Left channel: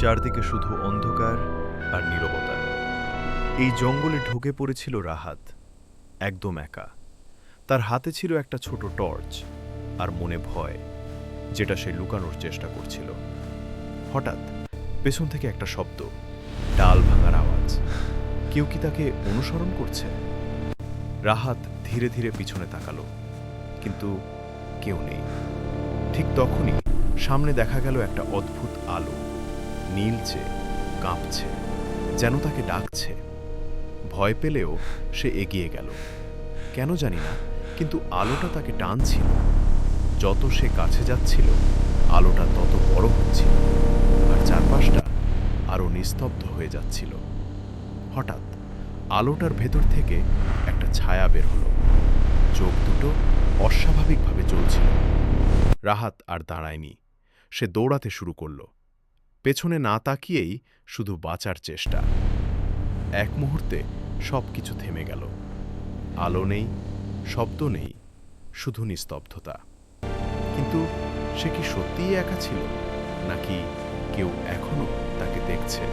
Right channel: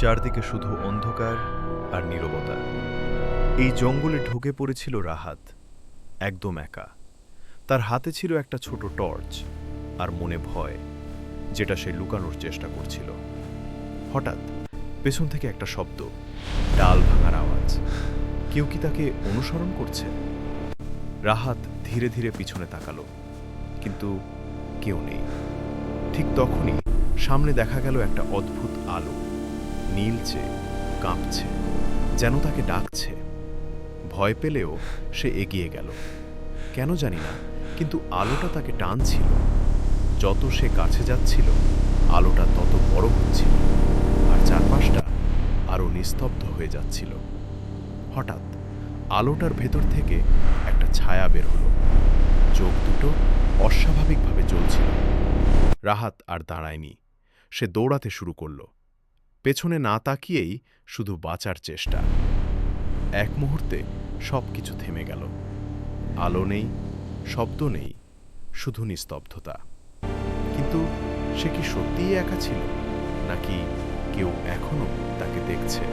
চারদিকে শুধু অন্ধকার আর নীরবতা। এই জঙ্গলে ঢুকে পড়েছিল রাহাত, একদম একা। তার হাতে ছিল একটা ছোট টর্চ আর মনে ভয়, যেটা সে লুকানোর চেষ্টা করছিল। হঠাৎ পেছন থেকে একটা শব্দ, ডাল ভাঙার আওয়াজ। কেউ কি তাকে অনুসরণ করছে? রাহাত ধীরে ধীরে পিছনে তাকালো, কিন্তু কেউ নেই। ঠিক তখনই সামনে দেখা গেল একটা অদ্ভুত আলো, নীলচে, কাঁপছে, যেন তাকে ডাকছে। ভয় পেলেও সে এগিয়ে গেল। কেন জানি না, কিন্তু আলোটা তাকে টানছিল। যত সে কাছে যাচ্ছিল, আলোটা তত বড় হচ্ছিল, আর চারপাশটা আরো নিস্তব্ধ হয়ে যাচ্ছিল। হঠাৎ আলোটার ভেতর থেকে একটা ছায়া বের হলো। চোখ দুটো অস্বাভাবিকভাবে জ্বলছিল। রাহাত আর দাঁড়ায়নি। সে দৌড়াতে শুরু করল, পেছনে না তাকিয়েই শুধু বাঁচার চেষ্টা। এক মুহূর্তে সবকিছু থেমে গেল। আলো নেই, শব্দ নেই, শুধু নিস্তব্ধতা। কিন্তু সে কি সত্যিই একা ছিল, নাকি কেউ এখনো তাকে দেখছে?